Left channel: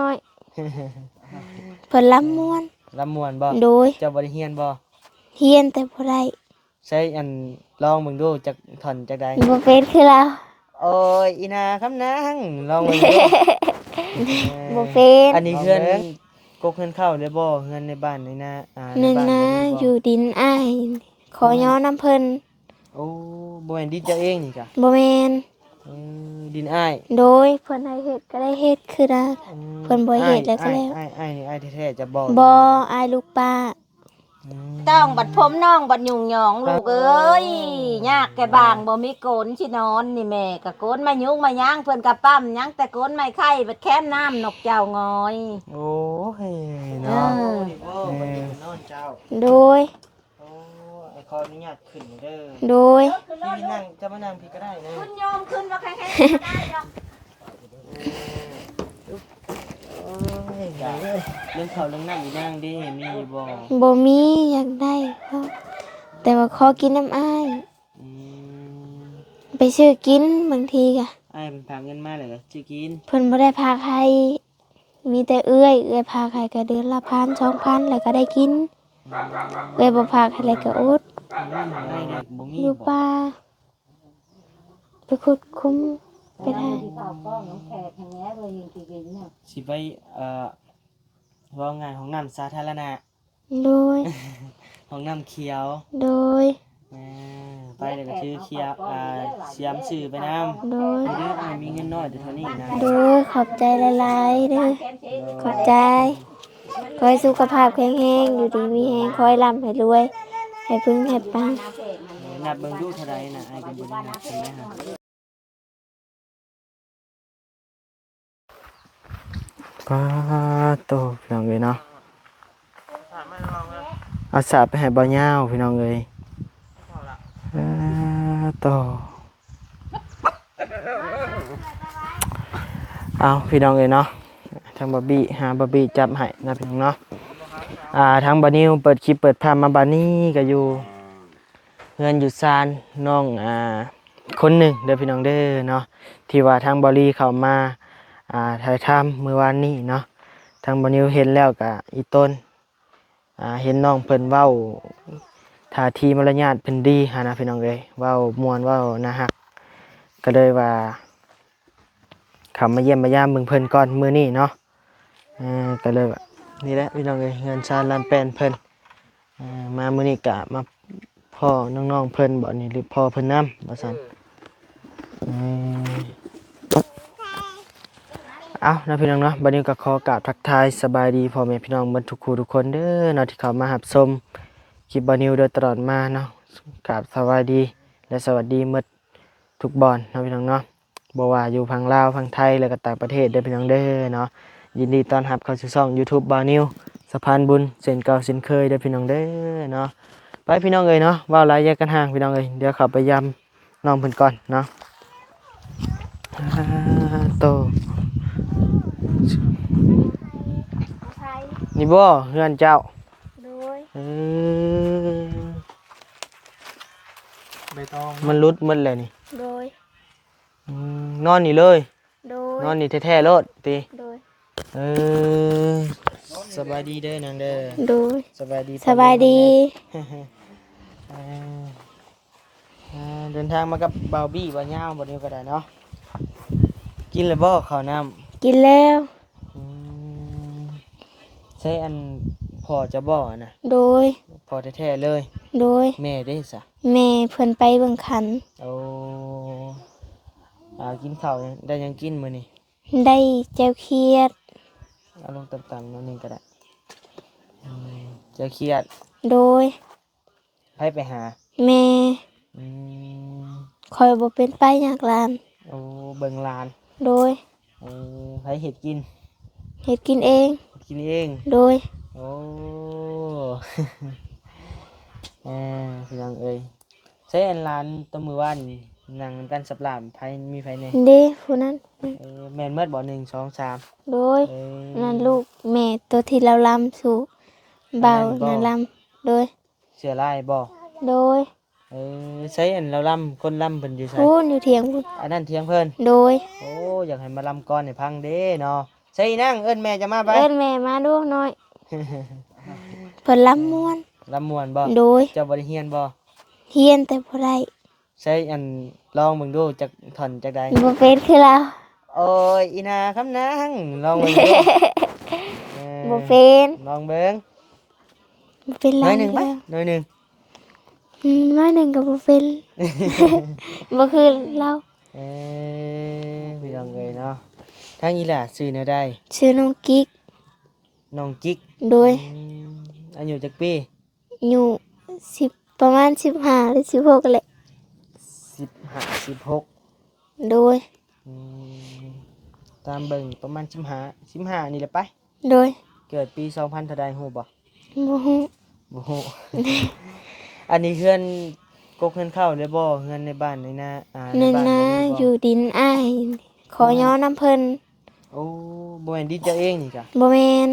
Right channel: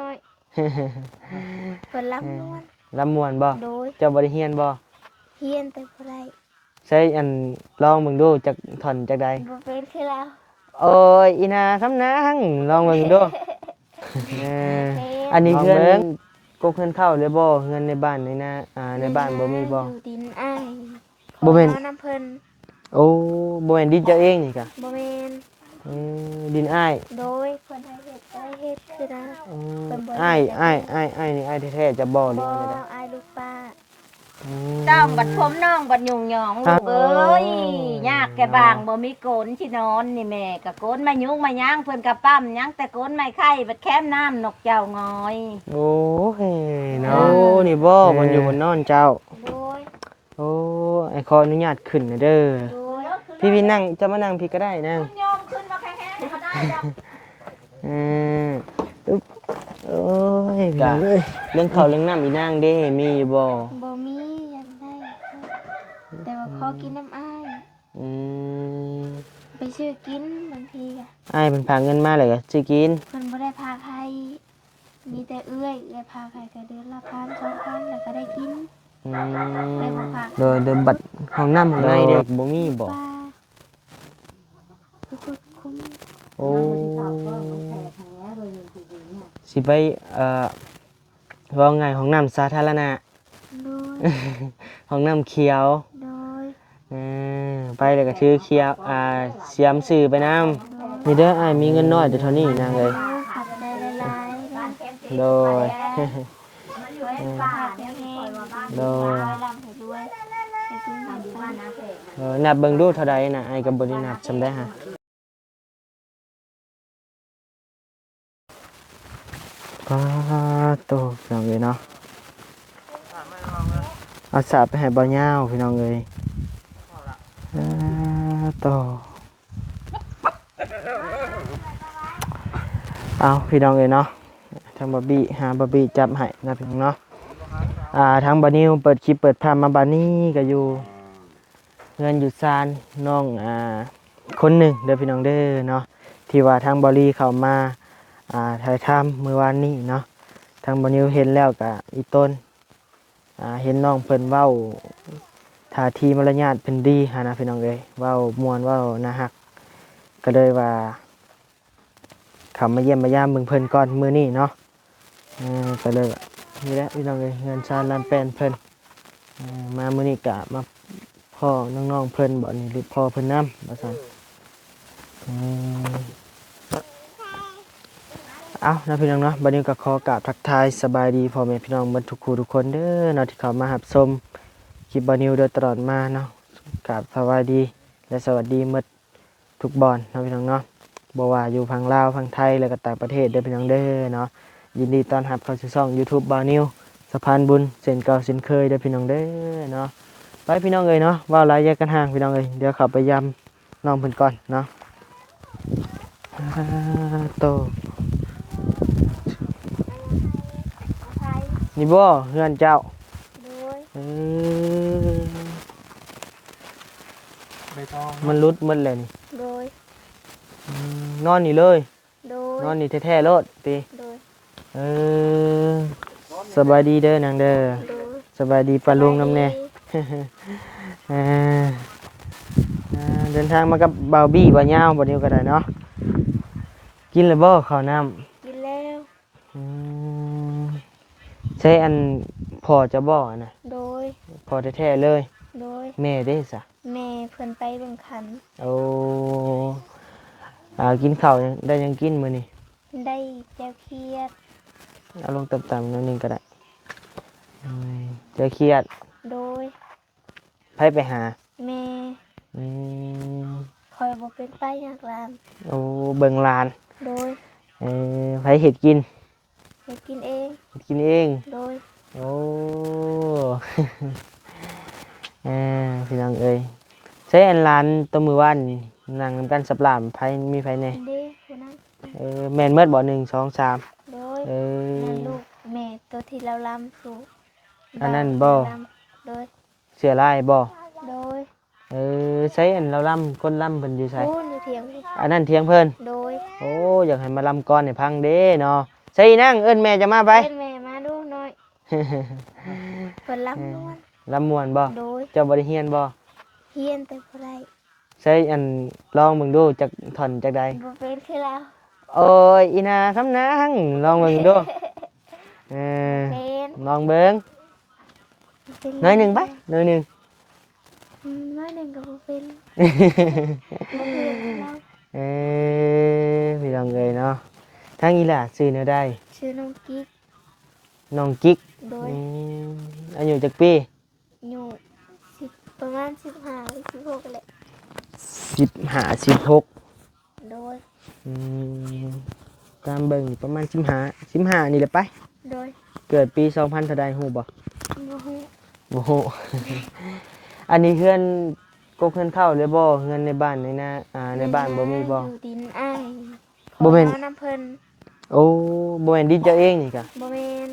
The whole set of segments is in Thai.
น้อยเพิ่นลำม่วนลำม่วนบ่โดยเจ้าบ่ได้เฮียนบ่เฮียนแต่บ่ได้ใช้อันลองเบิ่งดูจักท่อนจักใดบ่เป็นคือเราโอ้ยอีนาคำนางลองเบิ่งดู บ่เป็น อันนี้เงินกูเงินเข้าเลยบ่เงินในบ้านนี่นะในบ้านบ่มีบ่อยู่ดินอ้ายขอย้อนน้ำเพิ่นโอ้บ่แม่นดินเจ้าเองนี่กะบ่แม่นดินอ้ายโดยเพิ่นให้เฮ็ดก็ได้เฮ็ดคือได้เพิ่นบ่เฮ็ดแล้วก็อ้ายนี่อ้ายแท้ๆจะบ่บ่อ้ายลูกป้าต้องบัดผมน้องบัดยุ่งหยองลูกเอ้ยยากแก่บางบ่มีโกนสินอนนี่แม่ก็โกนมายุงมาย่างเพิ่นก็ปั้มยังแต่โกนไม่ไข่บัดแค้มน้ำนกเจ้างอย โอ้ยเนาะนี่บ่มันอยู่บนนอนเจ้าโดยโอ้ไอ้ขออนุญาตขึ้นนะเด้อโดยพี่นั่งจะมานั่งพี่ก็ได้นะคุณโยมขึ้นมาแข็งๆก็ได้ดอกอึ๊บโอ้ยกะเรื่องข้าวเรื่องน้ำอีนางเด้มีอยู่บ่บ่มีอยากได้แต่ว่าขอกินน้ำอ้ายอืมไปซื้อกินบางทีก็อ้ายเพิ่นพาเงินมาเลยก็สิกินเพิ่นบ่ได้พาใครมีแต่เอื้อยพาใครก็เดือนละ1,000 2,000แล้วก็ได้กินบ่พาใครก็อดห้องน้ำข้างในเด้บ่มีบ่ป้าไปขุดคุ้มโอ้สิไปว่าไงห้องน้ำสาธารณะโดย ห้องน้ำเขียวโดยไปเลยก็ถือเขียวเสียมสื่อไปน้ำนี่เด้อมีเงินน้อยแต่เท่านี้นางเลยขอบใจหลายๆเด้อโดขอบใจขอให้สุขภาพแข็งแรงอยู่ดีมีแรงขอให้ร่ำให้รวยให้พึ่งให้ปังนับเบิ่งดูเท่าใดนะไอ้กับบรินับจำได้ฮะป้าโตพี่น้องเลยเนาะเอาสาบไปให้บ่าวาวพี่น้องเลยโตเอาพี่น้องเลยเนาะทางบาร์บี้หาบาร์บี้จับให้นะพี่น้องเนาะทางบานิวเปิดคลิปเปิดภาพมาบานี่ก็อยู่เงินอยู่ซานน้องคนหนึ่งเด้อพี่น้องเด้อเนาะที่ว่าทางบารีเข้ามาถ่ายทำเมื่อวานนี้เนาะทางบานิวเห็นแล้วก็อีต้นเห็นน้องเพิ่นเว้าท่าทีมารยาทเพิ่นดีหานะพี่น้องเอ้ยเว้าม่วนเว้าน่าฮักก็เลยว่าเข้ามาเยี่ยมมายามเบิ่งเพิ่นก่อนมื้อนี้เนาะก็เลยว่านี่แหละพี่น้องเอ้ยเงินชาลานแปนเพิ่นมามื้อนี้ก็มาพ่อน้องๆเพิ่นบ่นี่หรือพ่อเพิ่นนำว่าซั่นเอานะพี่น้องเนาะบัดนี้ก็ขอกราบทักทายสบายดีพ่อแม่พี่น้องเบิดทุกคู่ทุกคนเด้อเนาะที่เข้ามารับชมคลิปบ่นิวโดยตลอดมาเนาะกราบสวัสดีและสวัสดีหมดทุกบอนเนาะพี่น้องเนาะบ่ว่าอยู่ฝั่งลาวฝั่งไทยแล้วก็ต่างประเทศเด้อพี่น้องเด้อเนาะยินดีต้อนรับเข้าสู่ช่อง YouTube บ่นิวสะพานบุญเส้นเก่าเส้นเคยเด้อพี่น้องเด้อเนาะไปพี่น้องเอ้ยเนาะว่าหลายแยกกันห่างพี่น้องเอ้ยเดี๋ยวเข้าไปยำน้องเพิ่นก่อนเนาะโตนี่บ่เฮือนเจ้าโดยมันรุดหมดเลยนี่โดยนอนนี่เลยโดยนอนนี่แท้ๆโลดติโดยสบายดีเด้อนางเด้อโดยสบายดีปะลุงน้ำแน่เดินทางมากับบ่าวบี้บ่าวยาวบ่นิวก็ได้เนาะกินเลยบ่ข้าวน้ำกินแล้วใช้อันพอจะบ่นะโดยพอแท้ๆเลยโดยแม่ได้ซะแม่เพิ่นไปเบิ่งขันโอ้กินข้าวได้ยังกินมื้อนี้ได้แจ่วเขียดเอาลงต่ำๆนิดนึงก็ได้จะเครียดโดยไปหาแม่คอยบ่เป็นไปอยากลานโอ้เบิ่งลานโดยไปเห็ดกินเฮ็ดกินเองกินเองโดยโอ้พี่น้องเอ้ยใช้อันร้านตัวมือว่านนั่งนำกันสับหลามไผมีไผแน่เด้ผู้นั้นแม่นเมิดบ่1 2 3โดยนั่นลูกแม่ตัวที่เราลำสู่บ่าวแม่ลำโดยเสือลายบ่โดยใช้อันเราลำคนลำเพิ่นอยู่ไสพูนอยู่เถียงอันนั้นเถียงเพิ่นโดยโอ้อยากให้มาลำก่อนให้พังเด้เนาะ ใช่นั่งเอิ้นแม่จะมาไป เอิ้นแม่มาดูหน่อยเพิ่นลำม่วน ลำม่วนบ่ โดย เจ้าบ่ได้เฮียนบ่ เฮียนแต่บ่ได้ ใช่อันลองมึงดูจักท่อนจักใด บ่เป็นคือเรา โอ้ยอีนาคำนางลองมึงดูเออ บ่เป็น ลองเบิ่ง บ่เป็น น้อยหนึงไปน้อยหนึง น้อยหนึงก็บ่เป็น บ่คือเรา เออพี่น้องเอ้ยเนาะทางอีหล่าซื้อแนวใด ชื่อน้องกิ๊ก น้องกิ๊ก โดย อายุจักปี อยู่10ประมาณ15หรือ16แหละ 15 16 โดย อืมตามเบิ่งประมาณ15นี่แหละไป โดย เกิดปี2000เท่าใดฮู้บ่ บ่ฮู้ บ่ฮู้ อันนี้เฮือนกกเฮือนเข้าเลยบ่เฮือนในบ้านในนาใน นั่น บ้าน นะ บ่มีบ่ อยู่ดินอ้ายขอ บ่เป็น ย้อนน้ำเพิ่น โอ้บ่แม่นดินเจ้าเองนี่จ้ะ บ่แม่น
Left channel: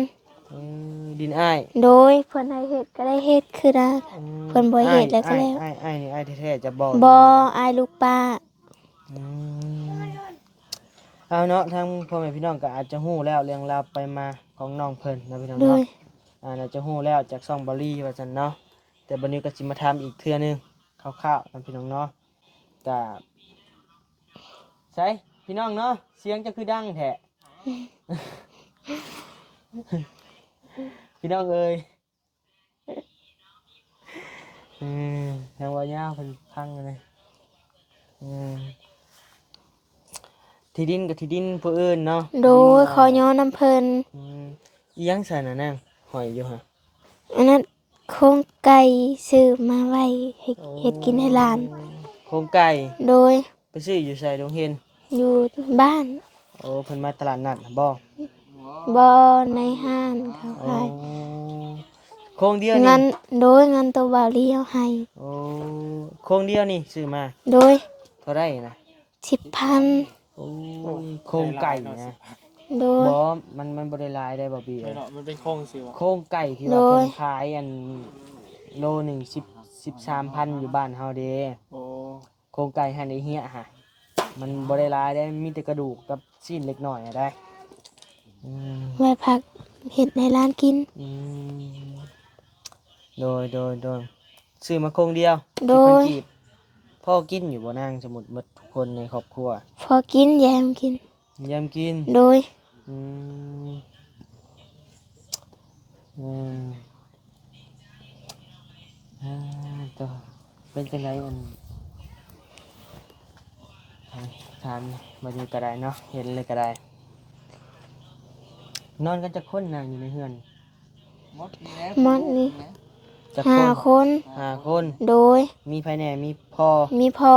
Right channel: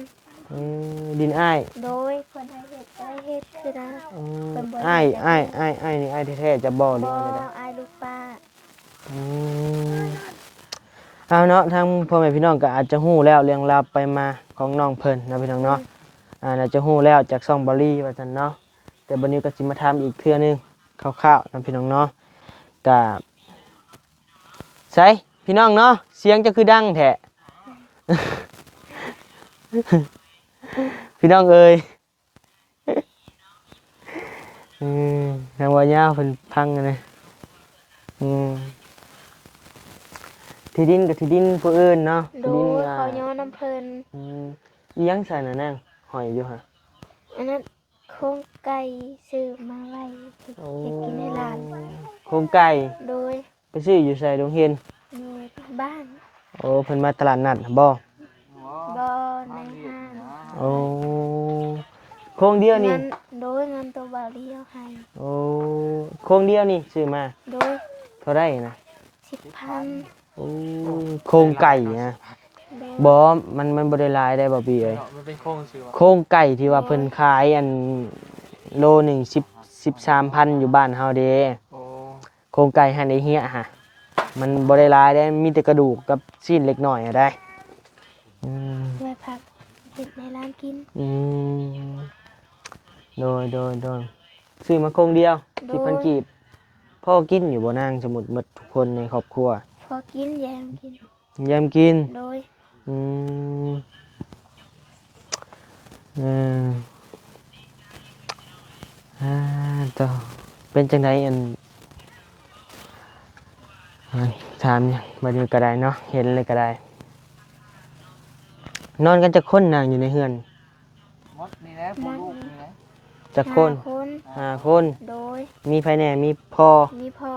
ดินอ้าย โดยเพิ่นให้เฮ็ดก็ได้เฮ็ดคือได้ เพิ่นบ่เฮ็ดแล้วก็ อ้าย แล้ว อ้ายนี่อ้ายแท้ๆจะบ่ บ่อายลูกป้า อืมเอาเนาะทางพ่อแม่พี่น้องก็อาจจะฮู้แล้วเรื่องราวไปมาของน้องเพิ่นนะพี่น้อง โด เนาะ ย น่าจะฮู้แล้วจากช่องบอลลี่ว่าซั่นเนาะแต่บัดนี้ก็สิมาถามอีกเทื่อนึงคร่าวๆนะพี่น้องเนาะก็ใช่พี่น้องเนาะเสียงจะคือดังแท้ พี่น้องเอ้ย ทางว่ายาวเพิ่นพังนะอืมที่ดินกับที่ดินผู้อื่นเนาะ โดยขอย้อนน้ำเพิ่น อีหยังใส่น่ะนางหอยอยู่ฮะ อันนั้นโครงไก่ซื้อมาไว้ให้เฮ็ดกินให้หลาน โครงไก่ โดย ไปซื้ออยู่ใส่โรงเรียน อยู่บ้าน โอ้เพิ่นมาตลาดนัดบ่ บ่ในห้าง โอ้โครงเดียว เงิ นี่ นโดยเงินตัวบ่าวเลี้ยวให้ โอ้โครงเดียวนี่ซื้อมา โดย เท่าได้นะ 10,000 โอ้โครงไก่นะ โดย บ่มันบ่ได้หลายได้บ่พี่เอ้ย มันเป็นโครงสิวะ โครงไก่ที่ว่า โอ้ย เพิ่นขายอันโลหนึ่ง13,000อยู่บ้านเฮาเด้ โอ้ โครงไก่หั่นไอ้เหี้ยฮะมันบ่ได้หลายได้มีแต่กระดูกกับชิ้นเล็กน้อยอะได้อืม ไว้พักเฮ็ดในร้านกิน อืมโดยซื้อมาโครงเดียว โดย 10,000กีบพ่อกินอยู่บ่นางสมุดหมดทุกคนในครอบครัว พอกินแยมกิน ยามกิน โดย อืมเออต่อเป็นจังไดอันถามเนี่ยบัดนี้ก็ได้เนาะเห็นเลยก็ได้ นอนกันจะคนนางอยู่ในเฮือน มดนี่นะ มดนี่ จะค ห้าน คน 5 คน โดย มีภายแหน่มีพ่อ มีพ่อ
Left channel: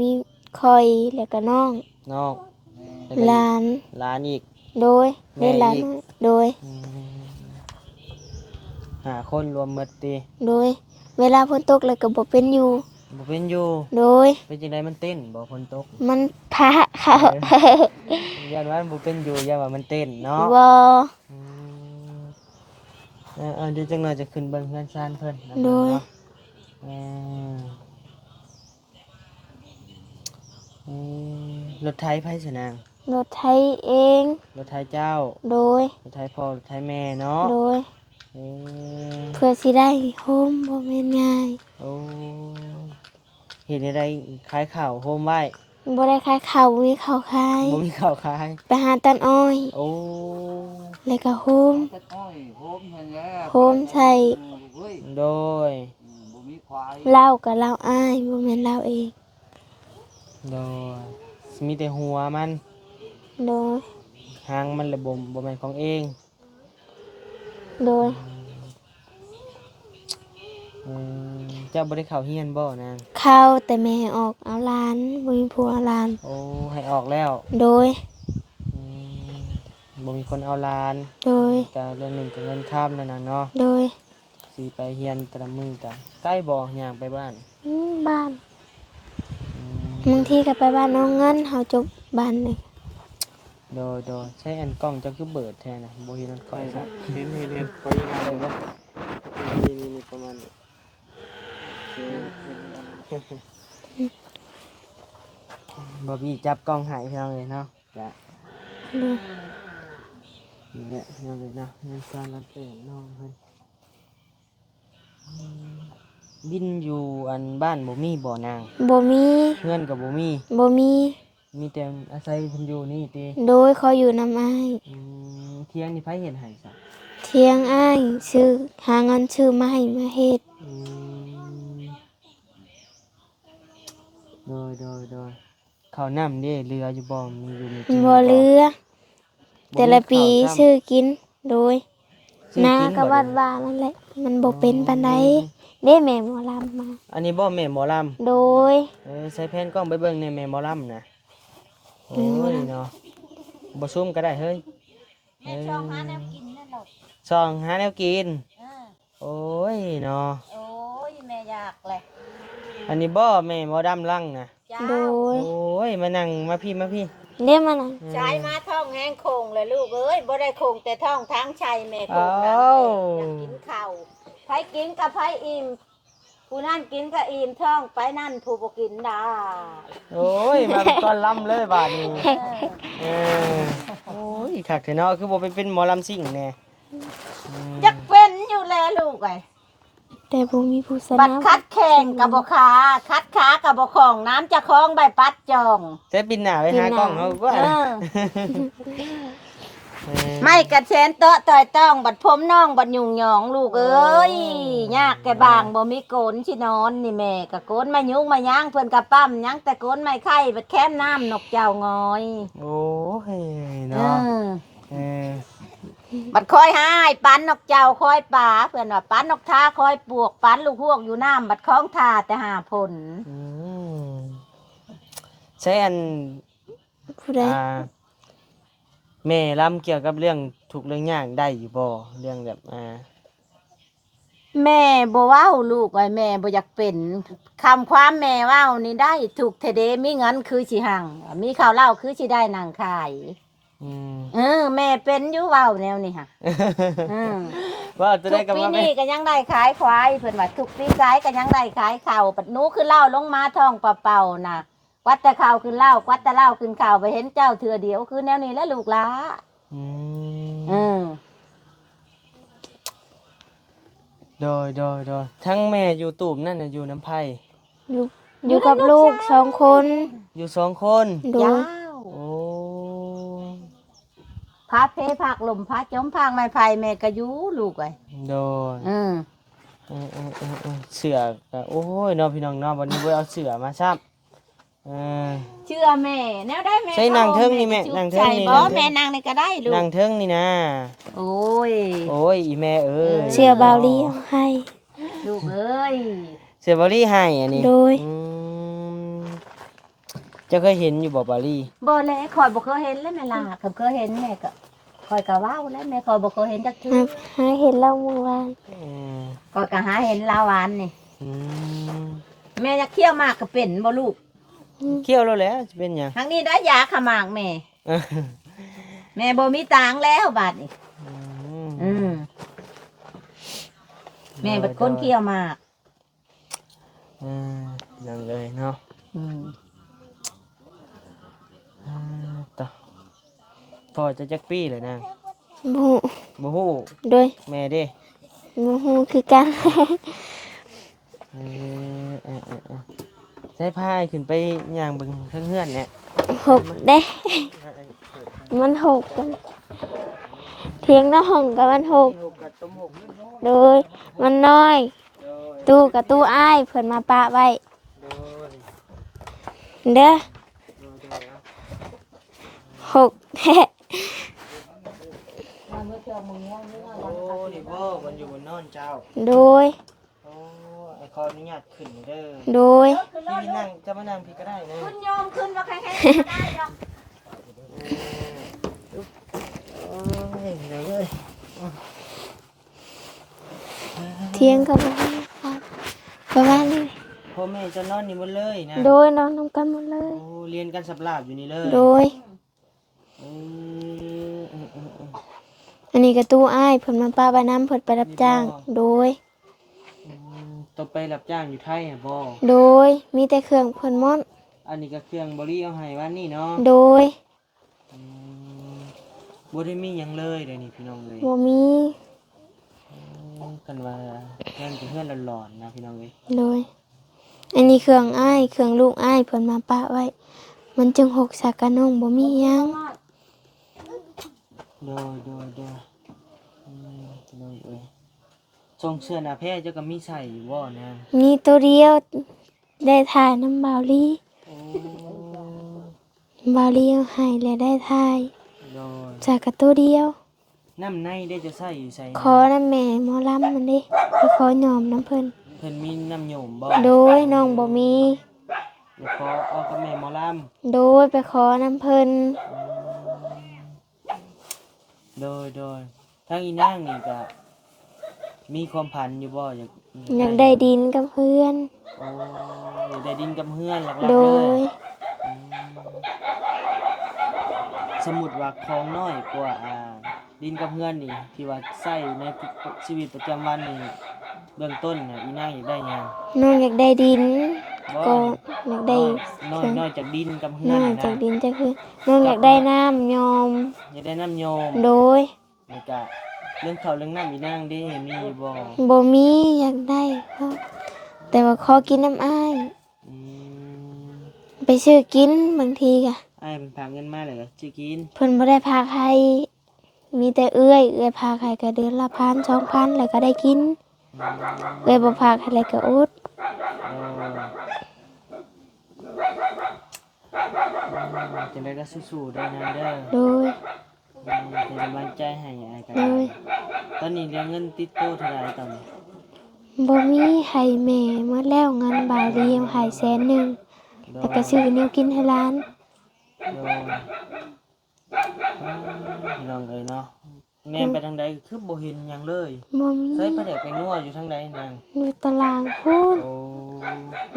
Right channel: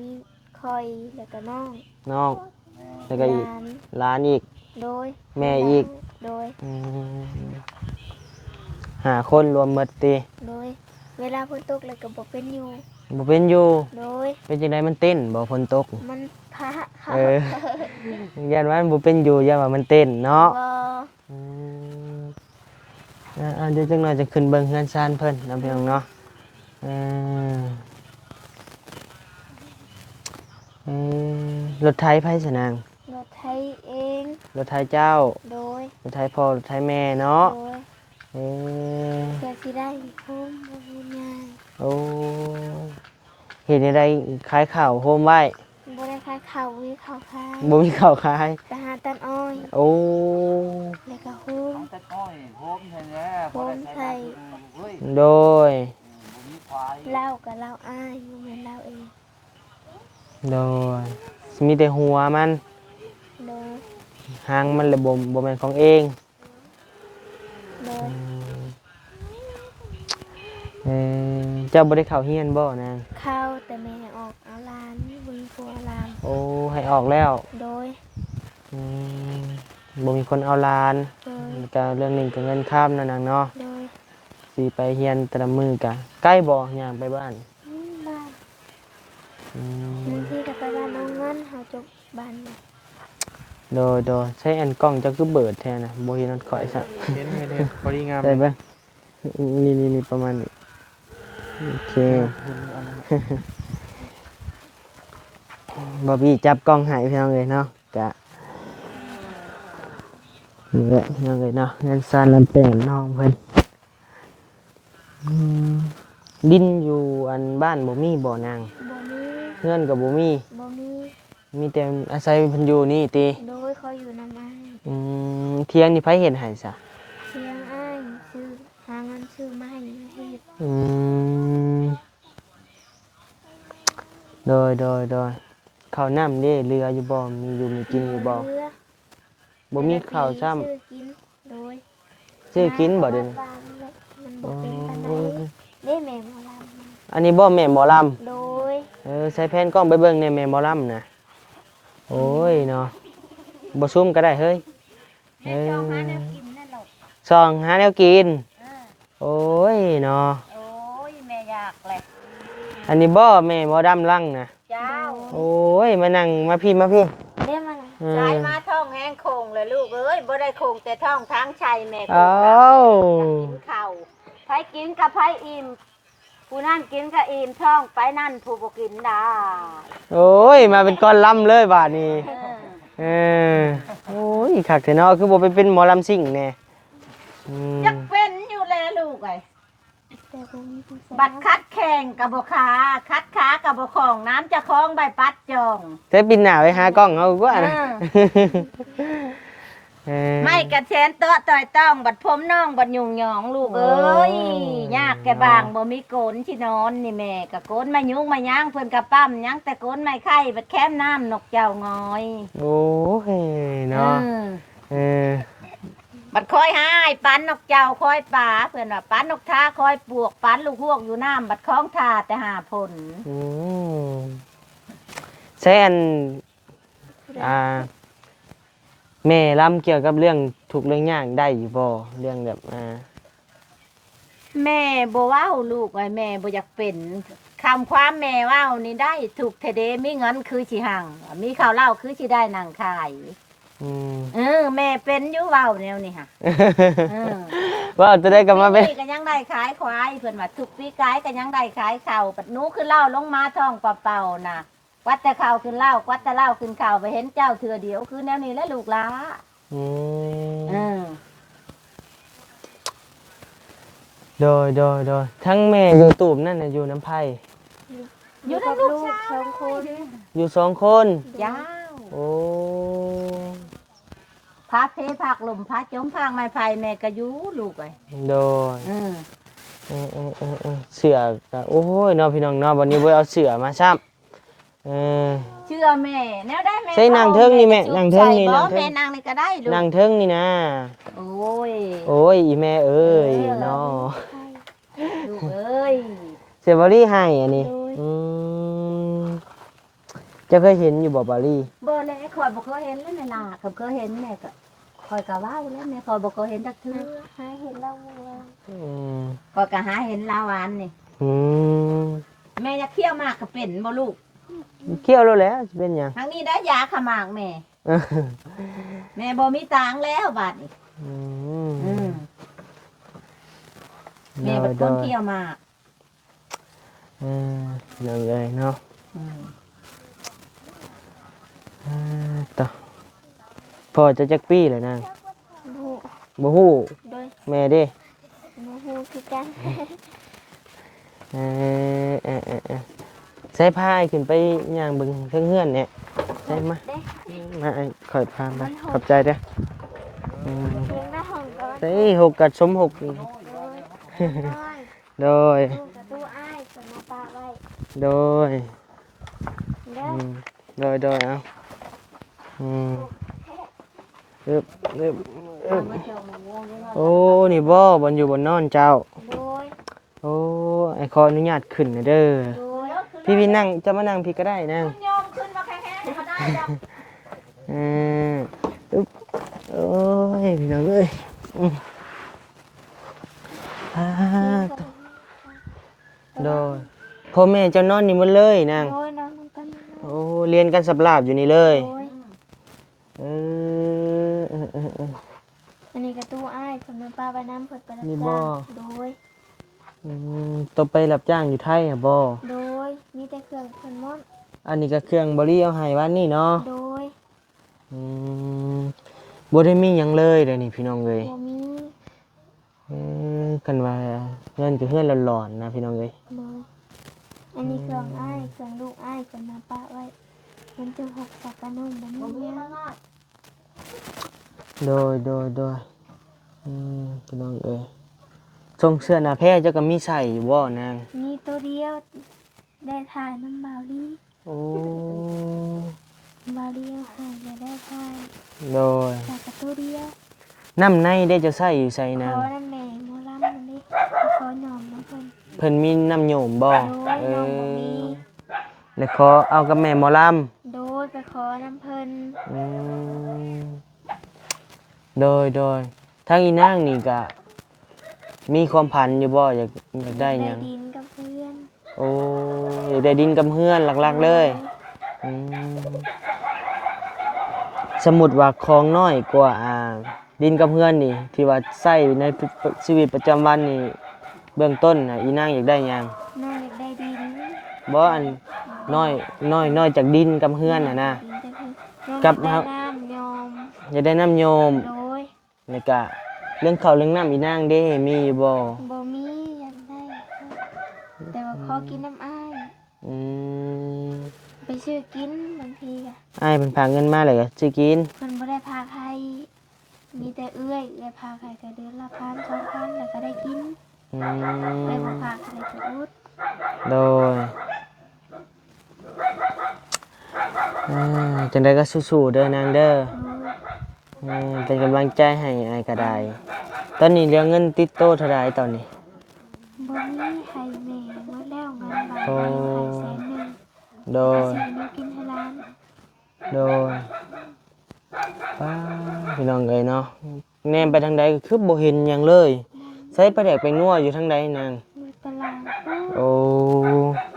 มีคอยแล้วก็น้อง น้องแล้วก็ หลาน หลานอีก โดย แม่ หลาน อีก โดย อืม5 คนรวมหมดติ โดย เวลาฝนตกแล้วก็บ่เป็นอยู่ บ่เป็นอยู่ โดย เป็นจังไดมันเต้นบ่ฝนตก มันพระเขา เออย่านว่ามันบ่เป็นอยู่ย่านว่ามันเต้นเนาะ บ่ อืมเดี๋ยวจังหน่อยจะขึ้นเบิ่งเฮือนซานเพิ่นนะเบิ่งเนาะเออเอรถไถไผสนาง รถไถเอง รถไถเจ้า โดย รถไถพ่อรถไถแม่เนาะ โดย เออ เพื่อสิได้โฮมบ่แม่นง่าย โอ้เห็นอะไรขายข้าวโฮมไว้ บ่ได้ขายข้าวบ่มีข้าวขาย บ่มีข้าวขาย ไปหาตันอ้อย โอ้ แล้วก็โฮม ตะก้อยโฮมใช่ไหม โฮมใส่ เฮ้ย โดย บ่มีควาย เหล้ากับเหล้าอ้ายบ่แม่นเหล้าเอง โดยมีแต่หัวมัน โดย หางมันเลยบ่แม่นของเอง โดย เจ้าบ่ได้เข้าเฮียนบ่นาง เข้าแต่แม่ออกเอาหลานบ่มีผัวเอาหลาน โอ้ให้ออกแล้ว โดย อืมบ่มีคนเอาหลาน โดย ก็เรื่องหนึงก็เงินข้ามนั่นน่ะเนาะ โดย สิไปเฮียนแต่ละมื้อก็ใกล้บ่ย่างไปบ้าน บ้าน อืม บางทีก็ไปบ้านน้องเงินเฮาจบบ้านหนึง โดยใช้อันกล้องเจ้าคือเบิดแท้นะบ่เห็นมันค่อยซะ เห็นพอดีงาม ได้เบิ่นี่ประมาณนี้โอเคบอบบี้จับกล้องใหายพี่น้องเลยเนาะกะ นี่แหละยังไงเนาะเงินซานลำแปงน้องเพิ่นอืมดินอยู่อันบ้านบ่มีบ่นาง บ่มี เงินก็บ่มี บ่มี มีแต่อาศัยเพิ่นอยู่นี่ติ โดยเขาอยู่นำอ้าย เที่ยงนี่ไผเฮ็ดให้ซะ เที่ยงอ้ายซื้อหาเงินซื้อมาให้มาเฮ็ด อืมโดยข้าวน้ำเด้เรืออยู่บ่มีอยู่มีกิน บ่เหลือ บ่ แต่ละปี มีข้าว ซื้อกิน โดย ซื้อ นา กิน ก็ บ่ วัด เด้ ว่านั่นแหละ มันบ่เป็นปานใดเด้แม่หมอลำมา อันนี้บ่แม่หมอลำ โดย ใส่แผ่นกล้องไปเบิ่งในแม่หมอลำนะโอ้ยเนาะบ่ซุ่มก็ได้เฮ้ย แม่จ้องหาแนวกินนั่นหรอก ซองหาแนวกิน อ่า โอ้ยเนาะ โอ้ยแม่อยากแหละ อันนี้บ่แม่หมอดำลังนะ เจ้า โดย โอ้ยมานั่งมาพี่ เด้มาน่ะ ใช้มาท้องแห้งโคงเลยลูกเอ้ยบ่ได้โคงแต่ท้องทั้งชัยแม่ อ้าว กินข้าวไผกินกับไผอิ่มผู้นั่นกินกับอิ่มท้องไปนั่นผู้บ่กินน่ะ โอ้ยมาเป็นก้อนลำเลยบาดนี้เออโอ้ยคักแต่เนาะคือบ่ไปเป็นหมอลำซิ่งแน่อืม จักเป็นอยู่แลลูกไอ้ แต่บ่มีผู้ส บั นั ด บ คัดแข่งกับบ่ขาคัดขากับบ่ของน้ำจะคล้องใบปัดจอง ใช้ปินหน้าไปหากล้องเอากว่า เออ เออ ไม่กระเชนเตาะต่อยต้องบัดผมน้องบัดยุ่งหยองลูกเอ้ยยากแกบางบ่มีโกนชินอนนี่แม่กะโกนมายุกมาย่างเพิ่นกะปั้มย่างแต่โกนไม่ไข่บัดแค้มน้ำนกเจ้างอย โอ้ยเนาะ อืม เออ บัดคอยหายปันนกเจ้าคอยป่าเพื่อนว่าปันนกท่าคอยปวกปันลูกฮวกอยู่น้ำบัดคล้องท่าแต่หาผล อืมใช้อัน ผู้ใด แม่ล้ำเกี่ยวกับเรื่องทุกข์เรื่องยากได้อยู่บ่เรื่องแบบแม่บ่เว้าลูกไว้แม่บ่อยากเป็นคำความแม่เว้านี่ได้ถูกเทเดมีเงินคือสิหังมีข้าวเหล้าคือสิได้นางขาย อืม แม่เป็นอยู่เว้าแนวนี้ค่ะ ว่าจะได้กลับมาเป็น ทุปีนี้ก็ยังได้ขายควายเพิ่นว่าทุกปีขายก็ยังได้ขายข้าวปัดหนูคือเหล้าลงมาท้องเปล่าๆน่ะกวัดแต่ข้าวขึ้นเหล้ากวัดแต่เหล้าขึ้นข้าวไปเห็นเจ้าเถื่อเดียวคือแนวนี้แหละลูกหลา อืม เออ โดยทั้งแม่อยู่ตูบนั่นน่ะอยู่น้ำไผ่ อยู่กับลูก2 คน อยู่สองคน โด ยาย ว โอ้ พาเพผักหลุมพาจมพางไม้ไผ่แม่ก็อยู่ลูกไอ้ โดย เออ เสือก็โอ้ยเนาะพี่น้องเนาะวันนี้ไว้เอาเสือมาซับเออ เชื่อแม่แนวได้แม่ ใช่นางเทิงนี่แม่นางเทิงนี่ บ่ นางเทิง แม่นางนี่ก็ได้ลูก นั่งเทิงนี่นะ โอ้ย โอ้ยอีแม่เอ้ย เชื่อบาวลีให้ ลูกเอ้ย เสียบอรี่ให้อันนี้ โดย อืมจะเคยเห็นอยู่บ่บอรี่ บ่แลคอยบ่เคยเห็นเลยแม่ล่ะก็เคยเห็นแม่ก็คอยก็เว้าแล้วแม่คอยบ่เคยเห็นจักที หาเห็นเราเมื่อวาน อืม ก็ก็หาเห็นลาวานนี่ อืม แม่จะเคี่ยวหมากก็เป็นบ่ลูก เคี่ยวแล้วแหล้วจะเป็นหยัง ทั้งนี้ได้ยาขมากแม่ แม่บ่มีตังค์แล้วบาดนี้ อื อื ม มแม่บัดก้นเคี่ยวหมาก อืมยังไงเนาะ อืม ต่อพอจะจักปี้เลยนาง บ่ฮู้ บ่ฮู้ โดย แม่เด้ บ่ฮู้คือกัน ใช้ผ้าให้ขึ้นไปย่างเบิ่งเพิ่นเฮือนเนี่ย 6เด้ มาไอ้ข่อยพา มั มัน หก ใจเด้ออืม เพียงน้องกับมัน นี่หกกับสมหก โดยมันน้อย โดย ตู้กับตู้อ้ายเพิ่นมาปะไว้ โดย เด้อ โดยเอาอืม 6แท้ อึบอึบอึบโอ้นี่บ่บนอยู่บนนอนเจ้า โดย โอ้ไอ้ขออนุญาตขึ้นนะเด้อ โดย พี่นั่งจะมานั่งพี่ก็ได้นะ คุณโยมขึ้นมาแข็งๆก็ได้ดอก เอออึบโอ้ยพี่น้องเอ้ยอืม เที่ยงกับบ่ฮู้ประมาณนี้ พ่อแม่เจะนอนนี่หมันเลยนะ โดยน้องนำกันหมดเลย โอ้เรียนกันสับลาบอยู่นี่เลย โดย เออ อันนี้กับตู้อ้ายเพิ่นมาปะไว้น้ำเพิ่นไปรับจ้าง มีบ่ โดย ต้องไปรับจ้างอยู่ไทยอ่ะบ่ โดยมีแต่เครื่องเพิ่นหมด อันนี้ก็เครื่องบริเอาให้วันนี้เนาะ โดย อืม บ่ได้มีหยังเลยเดี๋ยวนี้พี่น้องเอ้ย บ่มี กันว่าเฮือนก็เฮือนหลอนๆนะพี่น้องเอ้ย เลยอันนี้เครื่องอ้ายเครื่องลูกอ้ายเพิ่นมาปะไว้ มันจึงหกสักกะน้องบ่มีหยัง โดยพี่น้องเอ้ยทรงเสื้อหน้าแพร่เจ้าก็มีใส่อยู่บ่นาง มีตัวเดียวได้ถ่ายน้ำบาวลี โอ้ บาวลีเอาให้แล้วได้ถ่าย โดย จากกะตัวเดียว น้ำในได้จะใส่อยู่ใส่ ขอ น้ำ น้ำแม่หมอลำมันดิไปขอหยอมน้ำเพิ่น เพิ่นมีน้ำโยมบ่ โดยน้องบ่มี แล้วขอเอากับแม่หมอล โดยไปขอน้ำเพิ่น ำโดยทางอีนางนี่ก็มีความพันอยู่บ่อยาก อยากได้ดินกับเพื่อน โอ้อยากได้ดินกับเฮือนหลัก โด ๆเลย ยสมมุติว่าของน้อยกว่าดินกับเฮือนนี่ที่ว่าใช้ในชีวิตประจำวันนี่เบื้องต้นน่ะอีนางอยากได้หยัง น้องอยากได้ดิน บ่ ก็ อันนี้ อยากได้ น้อยจากดินกับเฮือนน่ะ จา นะ กดินจากเพื่อนน้องอ กั ยา บ กได้น้ำยอม อยากได้น้ำโยม โดย แล้วก็เรื่องข้าวเรื่องน้ำอีนางเด้มีอยู่บ่ บ่มีอยากได้ก็แต่ว่าขอกินน้ำอ้าย อืม ไปซื้อกินบางทีก็ อ้ายเพิ่นพาเงินมาเลยก็สิกิน เพิ่นบ่ได้พาใครมีแต่เอื้อยพาใครก็เดือนละ1,000 2,000แล้วก็ได้กิน อืม บ่พาใครแล้วก็อด โดยจังได๋ก็สู้ๆเด้อนางเด้อ โดย เป็นกำลังใจให้อ้ายก็ได้ ตอนนี้เหลือเงินติดโตเท่าใดตอนนี้ บ่มีให้แม่หมดแล้วเงินบาทเดียวให้100,000 โด แล้ว ย ก็ซื้อแนวกินให้ร้าน โดยป้าพี่น้องเอ้ยเนาะแนมไปทางใดก็คือบ่เห็นหยังเลย บ่มี ใส่ปลาแดกไปนัวอยู่ทางใดนาง อยู่ตารางพูด โอ้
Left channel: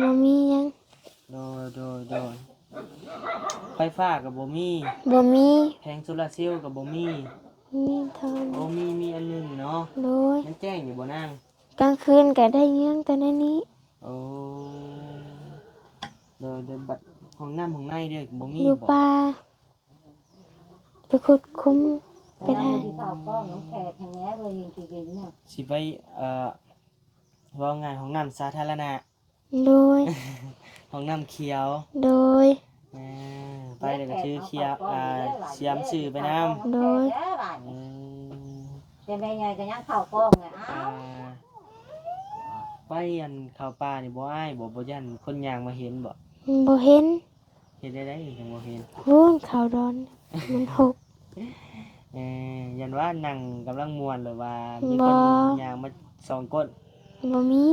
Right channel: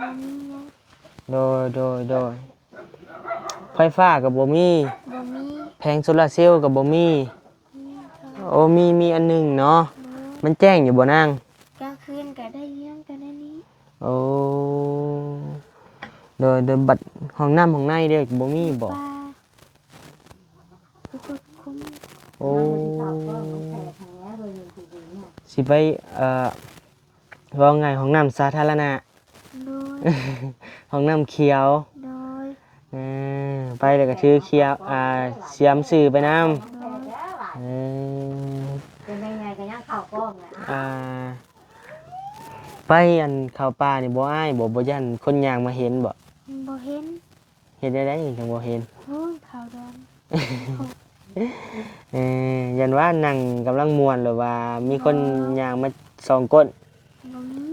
บ่มีหยัง โดยไฟฟ้ากับบ่มี บ่มี แผงโซลาร์เซลล์กับบ่มี มีเท่า โอ้มีอันหนึงเนาะ โดย มันแจ้งอยู่บ่นาง กลางคืนก็ได้เงี้ยงแต่ในนี้ โอ้โดยบัตรห้องน้ำห้องในเด้บ่มี อยู่ บ่ ป่าไปขุดคุ้ม โอ้สิไปว่าไงห้องน้ำสาธารณะ โดย ห้องน้ำเขียว โดย ไปแล้วก็ชื่อเขียวเสียมสื่อไปน้ำ โดย เออ ยังไงก็ยังเข้ากล้องเนี่ย ไปอันเข้าวป่านี่บ่อ้ายบ่ยันคนย่างมาเห็นบ่ บ่เห็น เห็นได้จังบ่เห็น พูนขาวดอนมันหก ยันว่านั่งกำลังม่วนหรือว่ามีคนย่างมาส่องก้น บ่มี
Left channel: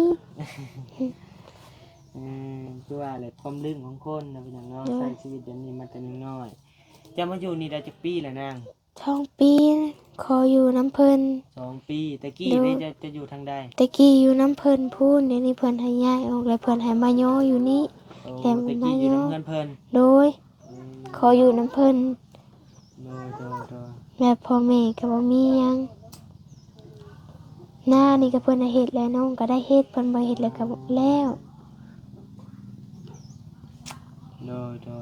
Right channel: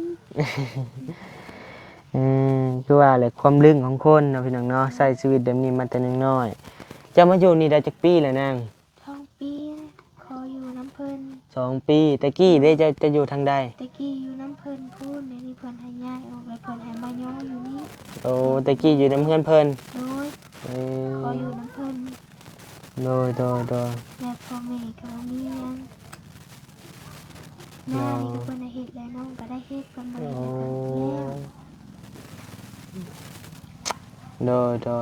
คือว่าแหละความลึงของคนเนาะพี่น้องเนาะใช้ชีวิตแบบนี้มาแต่น้อยๆจะมาอยู่นี่ได้จักปีแล้วนาง ช่องปีขออยู่น้ำเพิ่น 2 ปีตะกี้ได้จะอยู่ทางใด ตะกี้อยู่น้ำเพิ่นพูนเดี๋ยวนี้เพิ่นให้ย้ายออกแล้วเพิ่นให้มาย่ออยู่นี่ โอ้ตะกี้อยู่น้ำเพื่อนเพิ่น โดยขออยู่น้ำเพิ่น โดย แบบพ่อแม่ก็บ่มีหยังหน้านี่ก็เพิ่นให้เฮ็ดแล้วน้องก็ได้เฮ็ดเพิ่นบ่เฮ็ดแล้วก็บ่แล้ว โด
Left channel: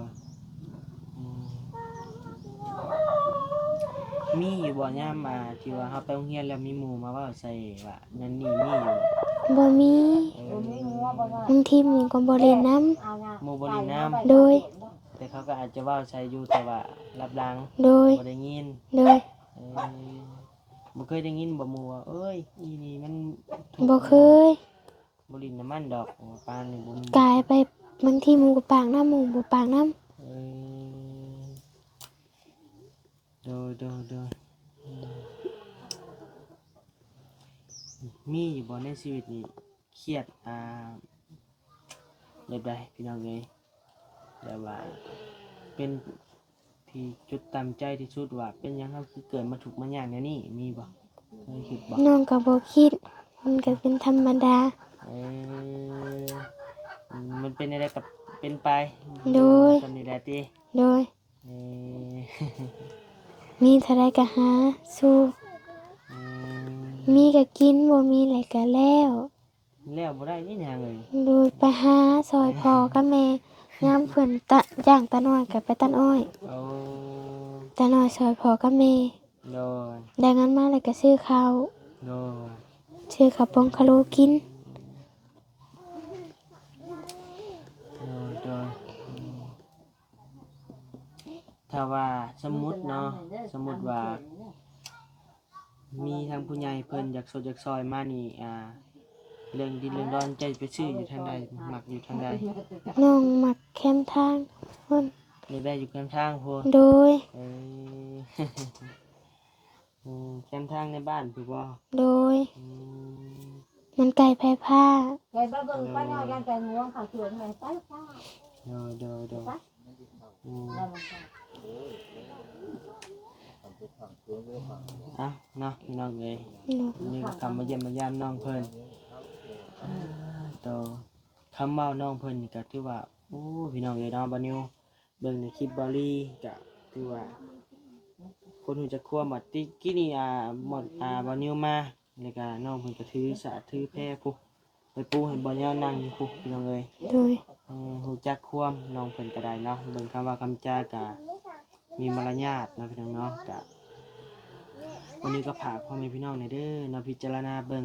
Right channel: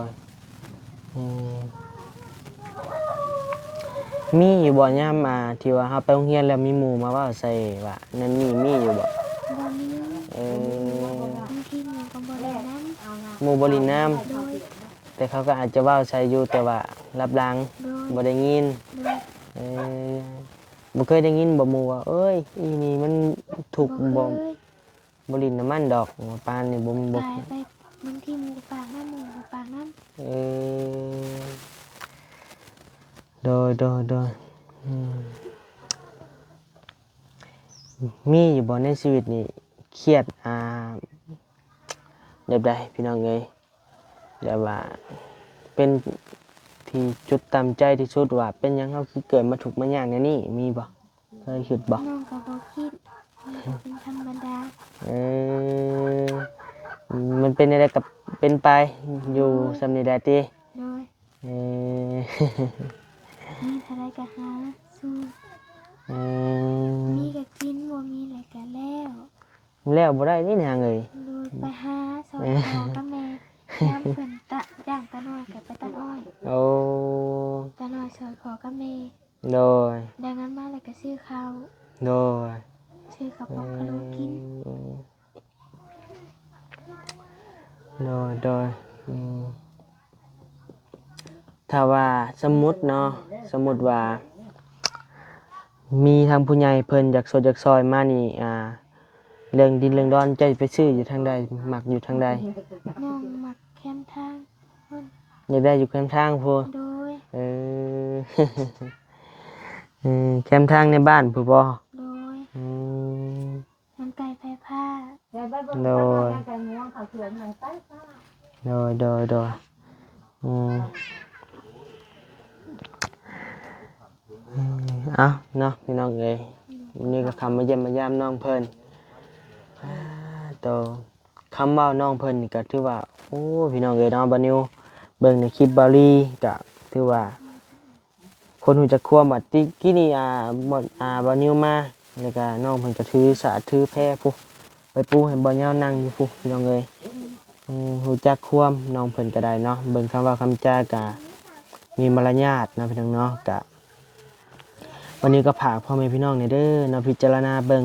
ยมีอยู่บ่ยามที่ว่าเฮาไปโรงเรียนแล้วมีหมู่มาเว้าใส่ว่านั่นนี่มีอยู่บ่ บ่มี เออบ างทีหมู่ก็บ่เล่นน้ หมู่บ่ลินน้ำ ำโดย แต่เขาก็อาจจะเว้าใส่อยู่แต่ว่ารับหลัง โดย บ่ได้ยิน โดย เออบ่เคยได้ยินบ่หมู่ว่าเอ้ยอีนี่มันถูก บ่เคย บ่ลินน้ำมันดอกปานนี่บ่ กลายไปบางทีหมู่ก็ปากน้ำหมู่บ่ปากน้ำ เออโดยมีอยู่บ่ในชีวิตนี่เครียดแบบใดพี่น้องเอ้ยแบบว่าเป็นที่จุดต่ำใจที่สุดว่าเป็นหยังเฮาคือเกิดมาทุกข์มายากแนวนี้มีบ่เคยคิดบ่ น้องก็บ่คิดมันก็เป็นธรรมดา เออมันเป็นอะไรกับเป็นไปอยู่ โดย สำนี้ได้ติ โดย เออ มีเท่าไรก็หาสู้ อื มีก็กินบ่มีอะไรก็แล้ว แล้วบ่ได้นี่นางเอ้ย โดยไปหาซอยพ่อกับแม่ยามเพิ่นย่างตาน้อยก็ไปตัดอ้อย โอ้ ตาน้อยซอยพ่อกับแม่ โดย ได้เงินมาแล้วก็ซื้อข้าว โดย ซื้อข้าวปองคาโลกิน โดยถ้าว่าสมมุติเนาะสมมุติว่า มีทางผู้ใหญ่เพิ่นอยากสดอยากซอยมานี่เรื่องดินเรื่องดอนจะไปซื้ออยู่ทางใดมักอยู่ทางใด น้องมักแคมทางพุ่น นี่ได้อยู่แคมป์ทางพูน โดย เออ แคมป์ทางในบ้านพูบ่ โดย อืม มันไก่แพ้ผ้า โดยโดยอืมเอาเนาะพี่น้องเอ้ยนี่ก็คำมาเยี่ยมมายามน้องเพิ่นโตคำเว้าน้องเพิ่นนี่ก็ถือว่าโอ้พี่น้องเอ้ยเนาะบัดนิวเบิ่งในคลิปบาลีก็ถือว่า คนหูจักความว่าติกี้นี่บ่บานิวมาแล้วก็น้องเพิ่นก็ถือสาถือแพร่พุไปปูให้บ่ยาวนั่งอยู่พุพี่น้องเอ้ย โดย หูจักความน้องเพิ่นก็ได้เนาะเบิ่งคำว่าคำจาก็มีมารยาทนะพี่น้องเนาะก็วันนี้ก็ฝากพ่อแม่พี่น้องนี่เด้อเนาะพิจารณาเบิ่ง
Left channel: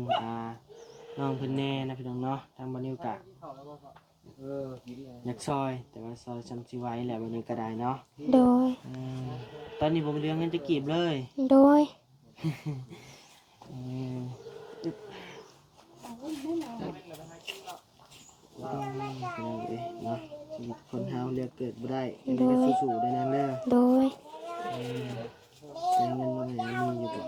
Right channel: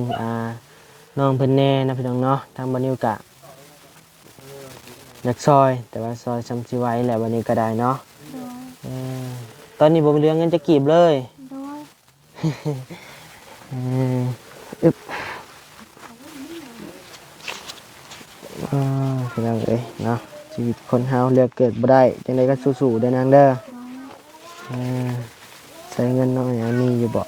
น้องเพิ่นแน่นะพี่น้องเนาะทางบานิวก็อยากซอยแต่ว่าซอยซ้ำสิไหวแหละวันนี้ก็ได้เนาะ โดย ตอนนี้บ่มีเรื่องเงินจะกีบเลย โดย อึบพี่น้องเอ้ยเนาะชีวิตคนเฮาเลือกเกิดบ่ได้จังไดก็สู้ๆเด้อนางเด้อ โดย ใช้เงินน้อยมีอยู่บ่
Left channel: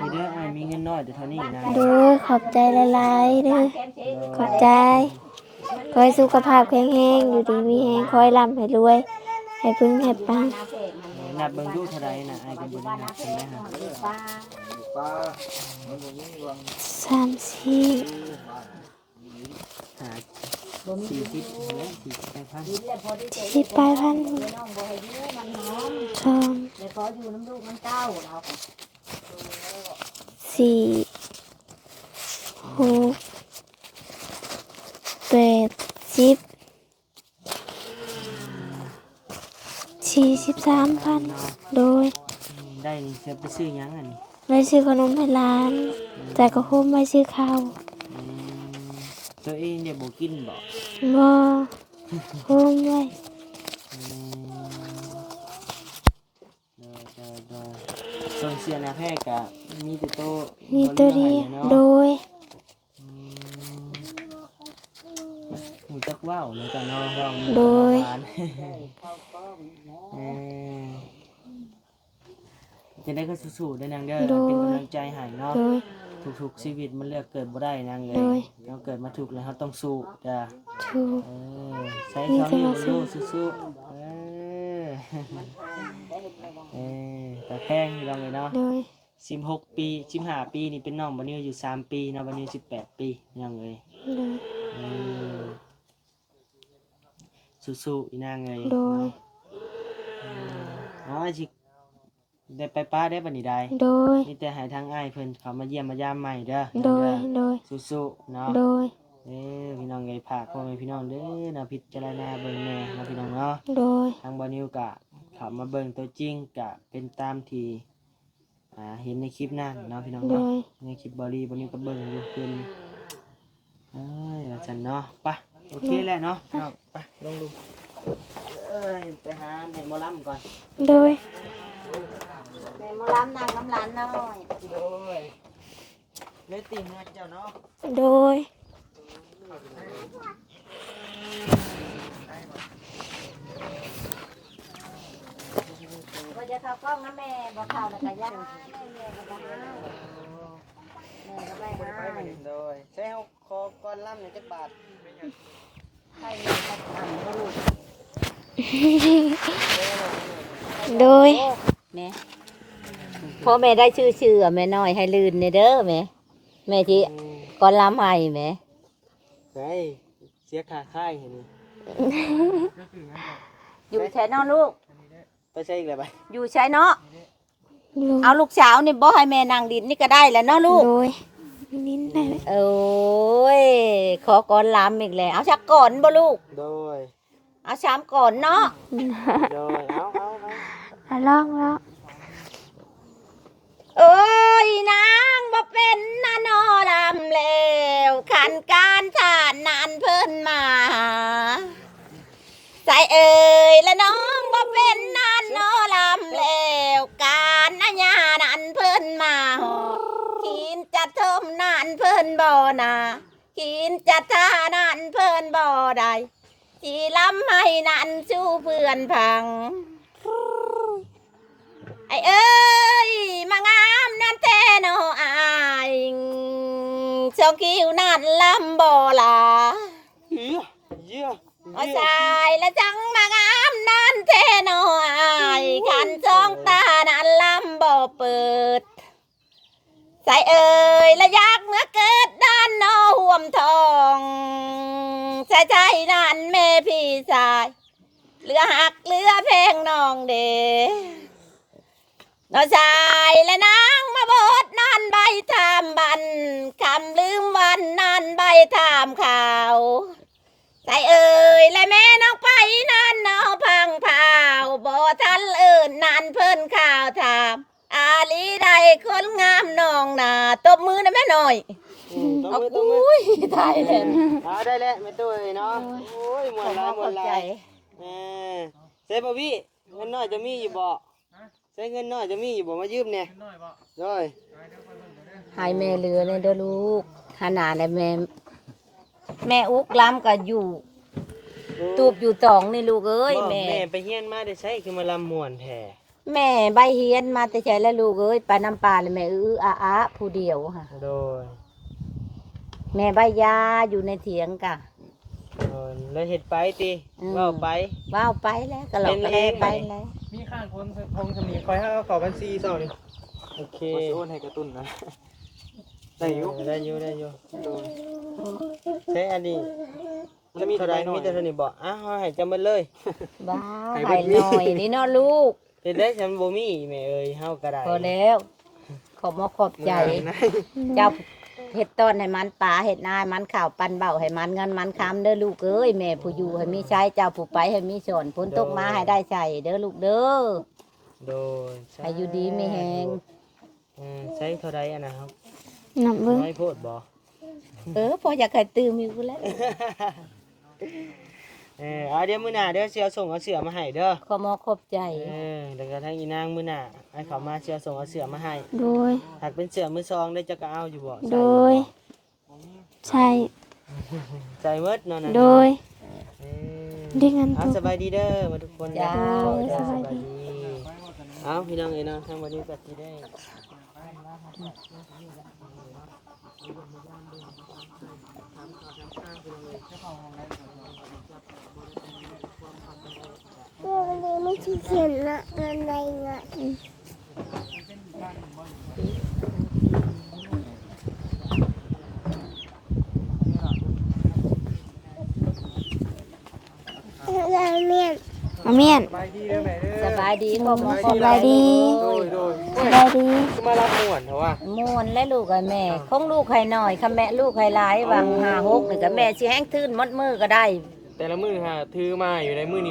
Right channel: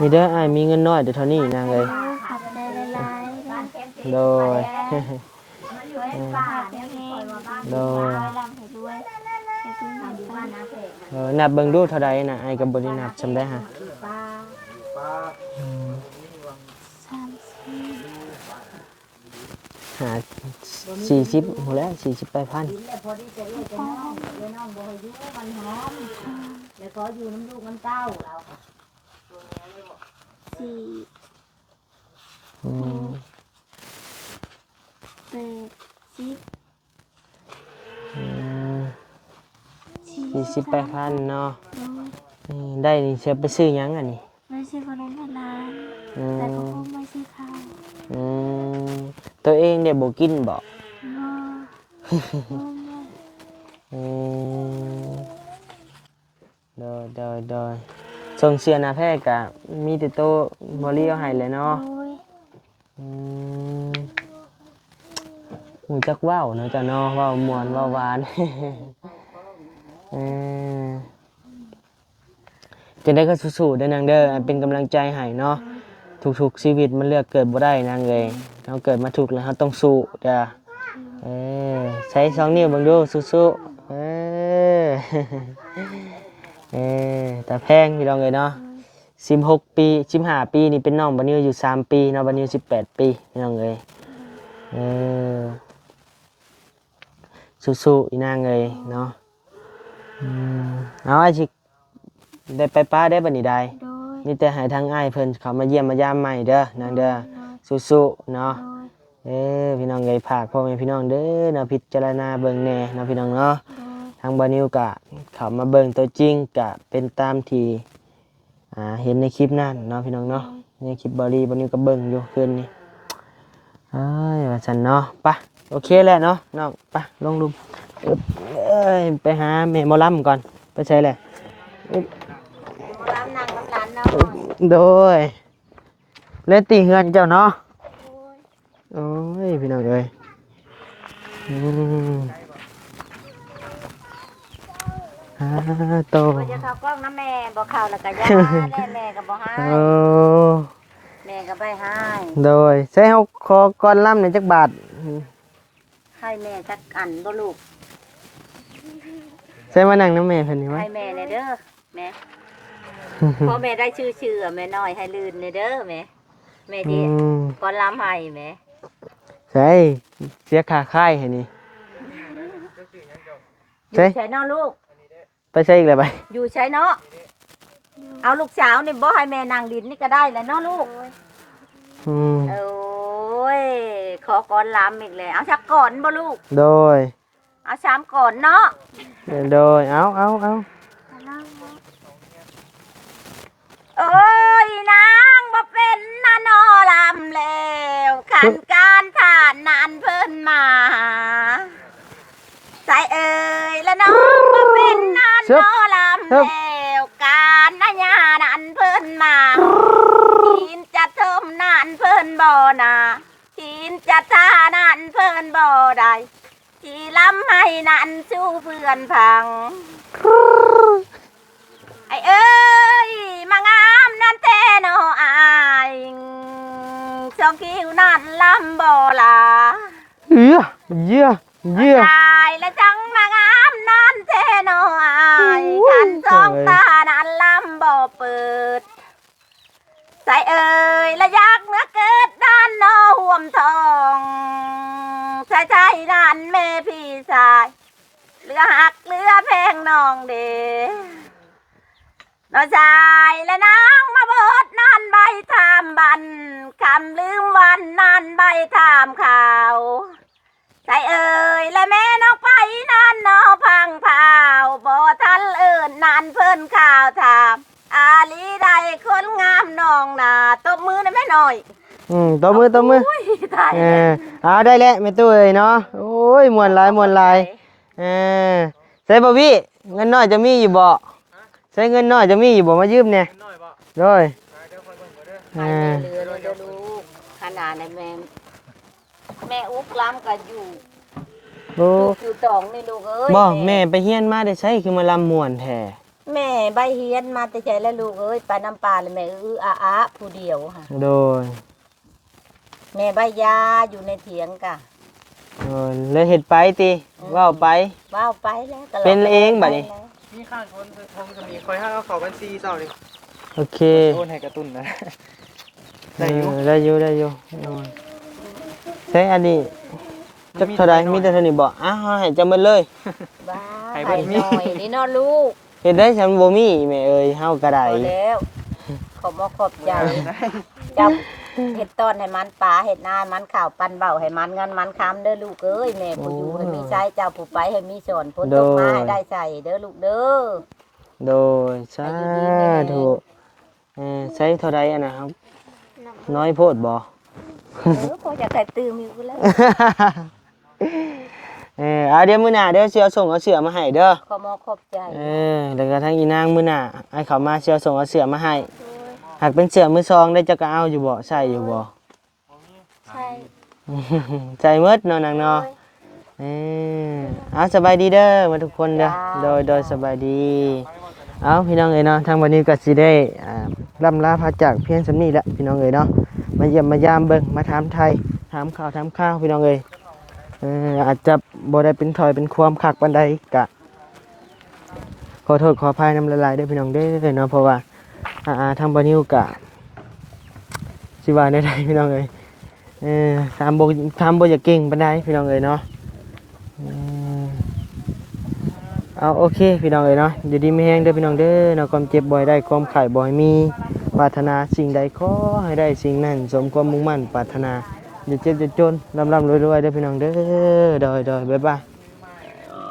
มีเด้ออ้ายมีเงินน้อยเดี๋ยวเท่านี้นาง โด เอ้ย ยขอบใจหลายๆเด้อ โด ขอย บใจขอให้สุขภาพแข็งแรงอยู่ดีมีแรงขอให้ร่ำให้รวยให้พึ่งให้ปัง นับเบิ่งดูเท่าใดน่ะอ้ายก็บ่ได้นับจำได้ฮะ 30 หา40หมดแล้ว40 8,000 10 8,000ชม4 6 8 10 43,000 เนาะ โดย ได้นี่เสียไปซื้อหยังอันนี้ ไม่ซื้อขนมให้ร้าน แต่ก็คุ้มไม่ซื้อข้าว อืมตัวเองได้บ่กินบ่ บ่คุ้มไว้ อืมโดยส่งเสื้อหน้าแพทย์ก็มีแต่โตบ่เลี้ยวให้เลยเนาะ โดย อืมหูจักว่าวเนาะจ้ะเนาะว่าวม่วนว่าวหวาน เออจะได้ก็สู้ๆเด้อนางเด้อเป็นกำลังใจให้เนาะ โดย ทุกๆชีวิตมันเลือกเกิดบ่ได้นางเอ้ยเราเกิดมาถูกแล้วเราต้องสู้จ้ะ ถูก ใช้2 นิ้วเบิ่งดูสู้ๆแต่แพงพี่น้องเอ้ยเนาะ โดย 16 ปี15 ปีนี่เป็นน้องบัดนี้อยู่3 ปีเนาะบัดนี้18 ปีพี่น้องเอ้ยสู้ๆอีนางเอ้ยเนาะเอาไอ้สิได้ไปป้าได้บัดนี้ได้ โดย มีแต่ให้ทางอ้ายเพิ่นเขามาเยี่ยมมายามใหม่เด้อ โด นาง ย เด้อ โดย สู้ๆเนาะ โดย พี่น้องเอ้ยฝากพ่อแม่พี่น้องเด้อเนาะพิจารณาเบิ่งแหน่เนาะพี่น้องเนาะ โดย ทางบานิวก็เข้ามาเบิ่งตัวจริงก็เป็นตามที่เห็นในคลิปนั่นเนาะพี่น้องเนาะในคลิปบานิวก็เบิ่งอยู่คืนนี้ว่าซั่นเนาะไปโอเคแล้วเนาะน้องไปลงลุมอึ๊บไปหาแม่หมอลำก่อนไปใช่เลย ร้านนางกำลันเนาะ โดยเล่นตีเฮือนเจ้าเนาะ โดย โอ้ยพี่น้องเอ้ยโต บ่จะเข้ากล้องนะแม่บ่เข้าแล้วก็ย่าแม่ก็บ่ให้ โอ้ แม่ก็ไปให้ โดยใช้เฮาขอก่อนล่ำในจักบาท ให้แม่จักอันบ่ลูก ใช้มานั่งน้ำแม่เพิ่นไว้ โดยแม่พอแม่ได้ชื่อแม่น้อยให้ลื่นนี่เด้อแม่แม่จิก่อนล้ำให้แม่ ใช่เสียค่าค่ายให้นี่ อยู่ใช้เนาะลูก ไปใช้อีกแล้วไป อยู่ใช้เนาะ โดย เอาลูกสาวนี่บ่ให้แม่นั่งดินนี่ก็ได้แหล้วเนาะลูก โดย นิด อื แน่ ม โอ้ยขอก่อนลำอีกแล้วเอาชักก่อนบ่ลูก โดย เอาชามก่อนเนาะ โดยเอา แล้วลองแล้ว โอ้ยนางบ่เป็นนะนอลำแล้วขันการทานนานเพิ่นมาใจเอ่ยและน้องบ่เป็นนะนอลำแล้วการนะญานันเพิ่นมากินจะเทิมนานเพิ่นบ่นากินจะทานานเพิ่นบ่ได้อีลำให้นันชูเพื่อนพัง ไอ้เอ้ยมางามนั่นแท้โนอายเจ้าคิวนั่นลำบ่ลา เยี่ย ตายแล้วจังมางามนั่นแท้โนอายกันจองตานั่นลำบ่เปิดใจเอ้ยและอยากเมื่อเกิดด้านนอห่วมทองใจนั่นแม่พี่ชายเหลือหักเหลือเพลงน้องเด น้าชายและนางมาบดนั่นใบทามบันคำลืมวันนั่นใบทามข่าวใจเอ่ยและแม่น้องไปนั่นน้องพังเผาบ่ทันเอื่นนั่นเพิ่นข่าวถามอาลีใดคนงามน้องนาตบมือนะแม่หน่อย ตบมือ อุ้ยตาย เอ เลย ได้แล้วแม่ตู้เอ้ยเนาะโอ้ยมวนหลายใส่บ่พี่เงินน้อยจะมีอยู่บ่ใช้เงินน้อยจะมีอยู่บ่มายืมเนี่ย น้อยบ่ โดย เดี๋ยวค่อยเบิ่งก่อนเด้อ ให้แม่เรือเลยเด้อลูกขนาดแม่อุกล้ำกับอยู่ โอ้ ตูบอยู่ตองนี่ลูกเอ้ย บ่แม่ไปเฮียนมาได้ใช้คือมาลำม่วนแท้ แม่ใบเฮียนมาแต่ใจแล้วลูกเอ้ยไปน้ำปลาเลยแม่อาผู้เดียวค่ะ โดย แม่ใบยาอยู่ในเถียงกะ แล้วเฮ็ดไปติเว้าไป ว้าวไปแล้วตลอด เป็นเองบัดนี้ มีข้างคนทงจะมีคอยให้เอาเข้าบัญชีเจ้านี่ โอเค โอนให้กระตุ้นนะได้อยู่ ได้อยู่โดยใช้อันนี้จักเท่าใดมีแต่เท่านี้บ่อ้าวให้จำมันเลย บ้าให้หน่อยนี่เนอลูก เฮ็ดได้ฉันบ่มีแม่เอ้ยเฮาก็ได้ พอแล้วขอบมาขอบใจเจ้าเห็ดต้นให้มันปลาเห็ดนาให้มันข่าวปันเบาให้มันเงินมันคำเด้อลูกเอ้ยแม่ผู้อยู่ให้มีใช้เจ้าผู้ไปให้มีสอนพ้นตกมาให้ได้ใช้เด้อลูกเด้อ โดยสา อายุดีแม่ ธุใช้เท่าใดอะนะครับ นับเบิ่ง น้อยโพดบ่ พออยากให้ตื่มอยู่แล้ว เอาเดี๋ยวมื้อหน้าเดี๋ยวสิเอาส่งเอาเสื้อมาให้เด้อ ขอมาขอบใจ แล้วก็ทางอีนางมื้อหน้าให้เขามาสิเอาส่งเอาเสื้อมาให้ โดย หากเป็นเสื้อมือซองได้จะก็เอาอยู่บ่ใส่อยู่บ่ ใช่ ใจหมดเนาะนาง โด เนาะ ย ดีกัน เอาสบายดีเด้อมาทุกคนเด้อโดยสบายดี เอาพี่น้องเอ๋ยเนาะทางวันนี้ก็สิได้ล่ำลาพาจากเพียงสำนี้แหละพี่น้องเอ๋ยเนาะมาเยี่ยมมายามเบิ่งมาถามไทยถามข่าวพี่น้องเอ๋ยอาจจะบ่ได้เป็นถอยเป็นความคักปานใดกะขอโทษขออภัยน้ำละลายเด้อพี่น้องเด้อเนาะเพราะว่าทางบ่นิวกะสิว่าได้พี่น้องเอ๋ยถามบ่อยากเก่งปานใดพี่น้องเอ๋ยเนาะ เอาเมียน เอาโอเคพี่น้องเลยเนาะอยู่ดีไม่แห้งเด้อพี่น้องเด้อเนาะความเจ็บบ่อยได้ความไข่บ่อยมีปรารถนาสิ่งใดขอให้ได้สิ่งนั้นสมความมุ่งมั่นปรารถนาอยู่เจ็บจะจนลำรวยๆเด้อพี่น้องเด้อโดยบ๊ายบาย ถือมาอยู่ในมือนี้